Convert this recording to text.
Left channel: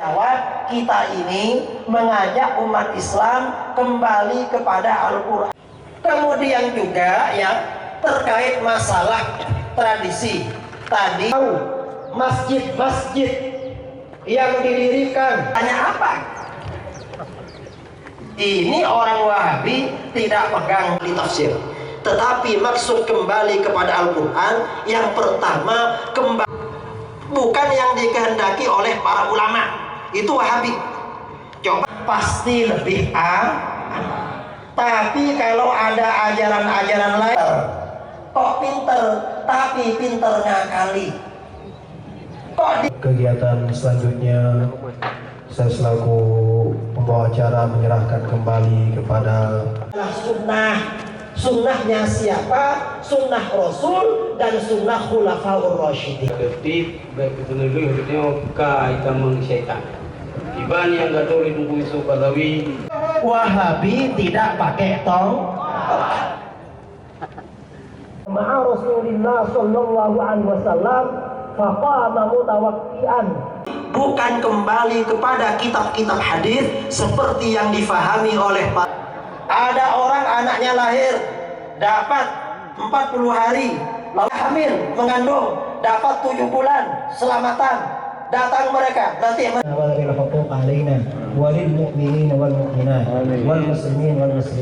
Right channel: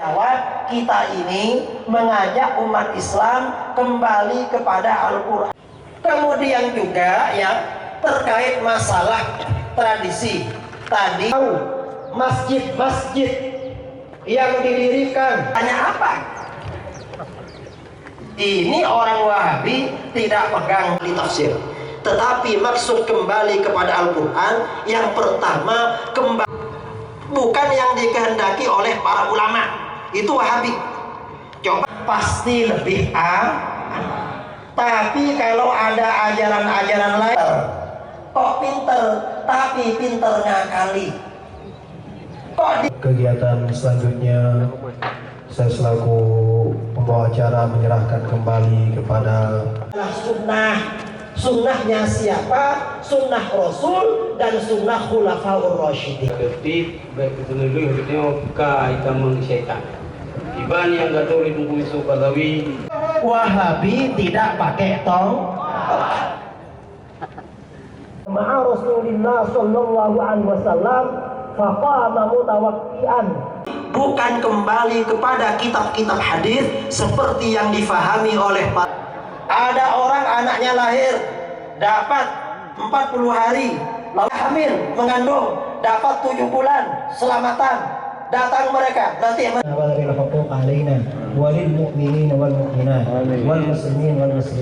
Jawab, kita ini mengajak umat Islam kembali kepada Al-Quran. Kemudian juga ya terkait masalah tradisi tadi, masjid-masjid yang didirikan hanya apa? Ini orang Wahabi tidak pegang di tafsir, tetapi maksud kembali kepada Al-Quran yang pertama kembali bukan yang dikehendaki oleh para ulama. Itu Wahabi. Coba pasti lebih tapi kalau ada ajaran-ajaran lain kok pinter, tapi pinter ngakali. Kegiatan selanjutnya saya selaku pembawa acara menyerahkan kembali kepada sunnahnya siapa? Sunnah Rasul dan sunnah Khulafaur Rasyidin. Tertib baik itu dulu hidupnya kaitan syaitan. Iban yang gak tahu itu isu Balawi. Wahabi tidak pakai tong. Ma'a Rasulillah sallallahu alaihi wasallam faqama mutawakkian. Bukan kembali kepada kitab-kitab hadis seperti yang difahami oleh Pak. Ada orang anaknya lahir dapat 40 hari, lalu hamil mengandung dapat 7 bulan, selamatan. Datang mereka nanti walil mu'minin wal mu'minat wal muslimin wal muslimat.